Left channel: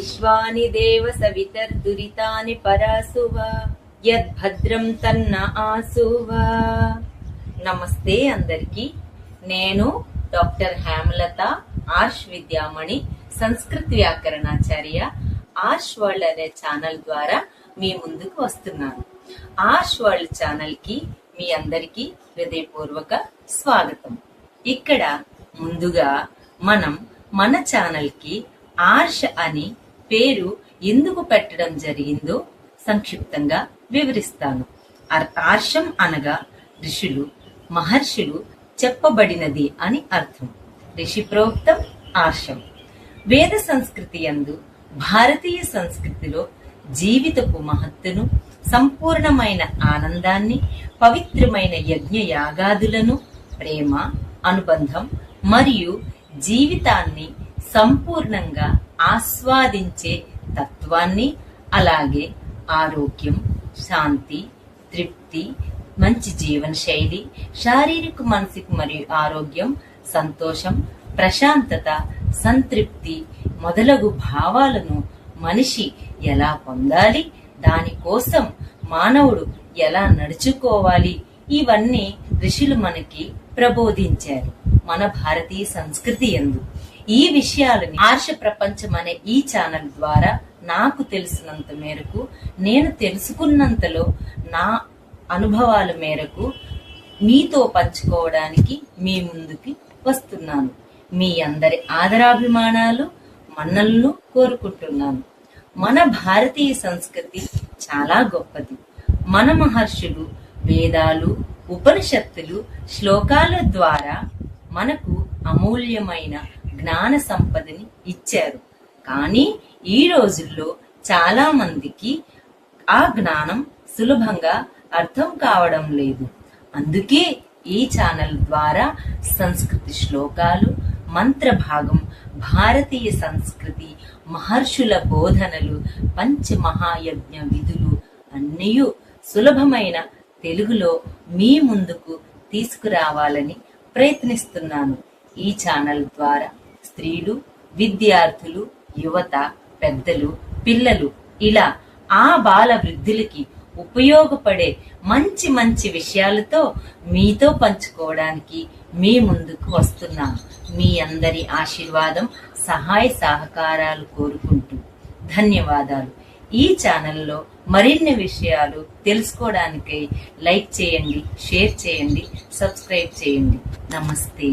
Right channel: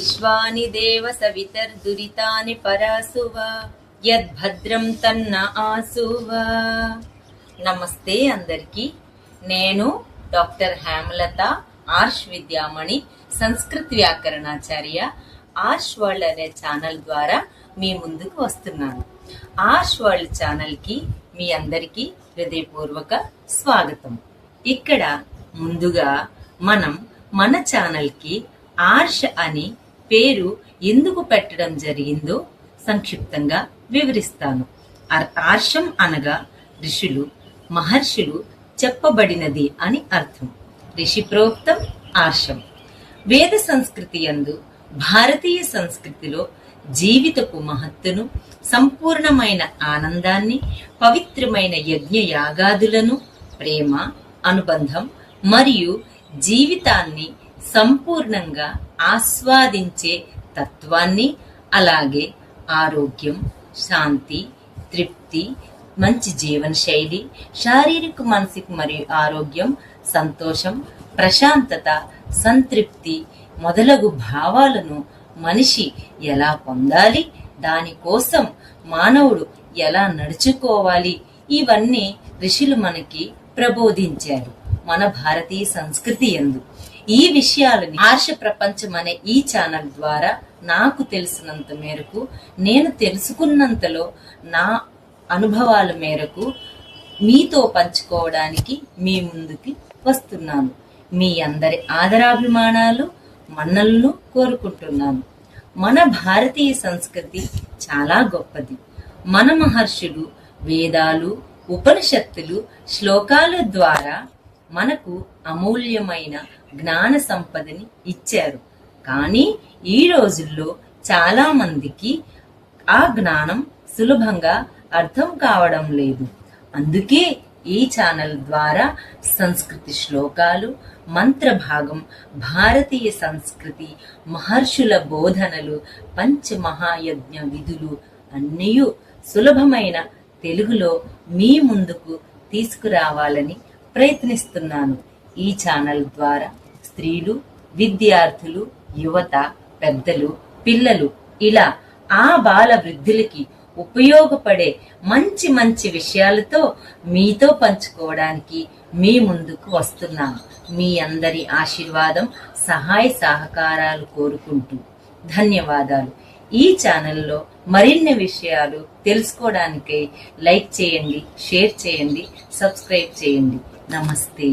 విశ్వాని దేవ సవితర్దురితాని పరాసువ యద్భద్రం తన్న ఆసువ. నమస్తే అందరికీ. నేను డాక్టర్ హేమలత, ఆర్ష్ విద్యామణి, సంస్కృత్ వ్యాకరణాచార్య, ఆర్ష్ వరల్డ్ అనే ఛానల్ ద్వారా మీ ముందుకు వస్తున్నాను. ఆర్ష్ వరల్డ్ ఛానల్ కి మీ అందరికీ హృదయపూర్వక స్వాగతం. ఇక్కడ ముందుగా మనం మన ఛానల్ కి ఆర్ష్ అని పేరు ఎందుకు పెట్టడం జరిగిందో సంక్షిప్తంగా వివరిస్తాను. ఆర్షం అనగా ఋషులు, మహర్షులు చెప్పబడినది అని అర్థం. ఋషి ప్రోక్తం ఆర్షం. వేద సంస్కృతి యందు, భారతీయ సంస్కృతిలో జీవితపు మహత్తును, సంపూర్ణమైన ఆనందాన్ని, పవిత్రమైన యజ్ఞ యాగాదులను, ప్రేమ, అనుబంధం మరియు జీవితాన్ని సంపూర్ణంగా ఆస్వాదించే తత్వాన్ని, అలాగే ఆరోగ్యం, శాంతి, తృప్తి, మంచి జీవన శైలి, శారీరక, మానసిక మరియు ఆరోగ్యం, సంతోషం, ప్రశాంతత, సంతృప్తి మొదలగు భావాలను మనిషి ఎలా పొందాలి, దానికోసం మానవుడు ఎలా నడుచుకోవాలి, ఇవన్నీ ఋషులు మనకి ప్రబోధించారు మన భారతీయ సంస్కృతి యందు. ఈ విషయాలని ఆర్ష ప్రపంచం అనే ఈ ఛానల్ ద్వారా నాకు తెలిసినంత మేరకు, నేను తెలుసుకున్నంతలో నా అనుభవాల మేరకు మీతో పంచుకోవడానికి మీ ముందుకి వస్తున్నాను. మీ అందరి ఆదరాభిమానాలు, మన్నలను కోరుకుంటున్నాను. మన భారతీయ సంస్కృతి చాలా గొప్పది. మన మహర్షులు వేదాలు, ఉపనిషత్తులు, శ్లోకాల ద్వారా మనకు అమూల్యమైన జ్ఞాన సంపదని ఇచ్చారు. కానీ ఈ రోజుల్లో చాలా మందికి ఆ జ్ఞానం సులభంగా అర్థం కావడం లేదు. అందుకే ఈ ఛానల్ ద్వారా సంస్కృతి శ్లోకాలు, మంత్ర భాగం, భారతీయ సంస్కృతి, మహర్షుల బోధనలు, పంచమహాయజ్ఞ విధులు అన్నీ సులభమైన తెలుగులో మీ ముందుకు తీసుకురావాలని ప్రయత్నిస్తున్నాను. ఈ ఛానల్ ద్వారా స్త్రీలు, విద్యార్థులు, యువత, పెద్దలు, పిల్లలు, ఇలా ఆ బాల వృద్ధులకి ఉపయోగపడే మంచి మంచి విషయాలతో మీతో పంచుకోవడానికి మీ ముందుకు వస్తున్నాం. మీ అందరి ఆశీర్వాదం, సహాయ సహకారాలు కోరుకుంటూ ధన్యవాదాలు. ఈ ఛానల్లో మరిన్ని విషయాలు తెలుసుకోవడానికి లైక్ చేయండి, షేర్ చేయండి, సబ్స్క్రైబ్ చేయండి. నమస్తే.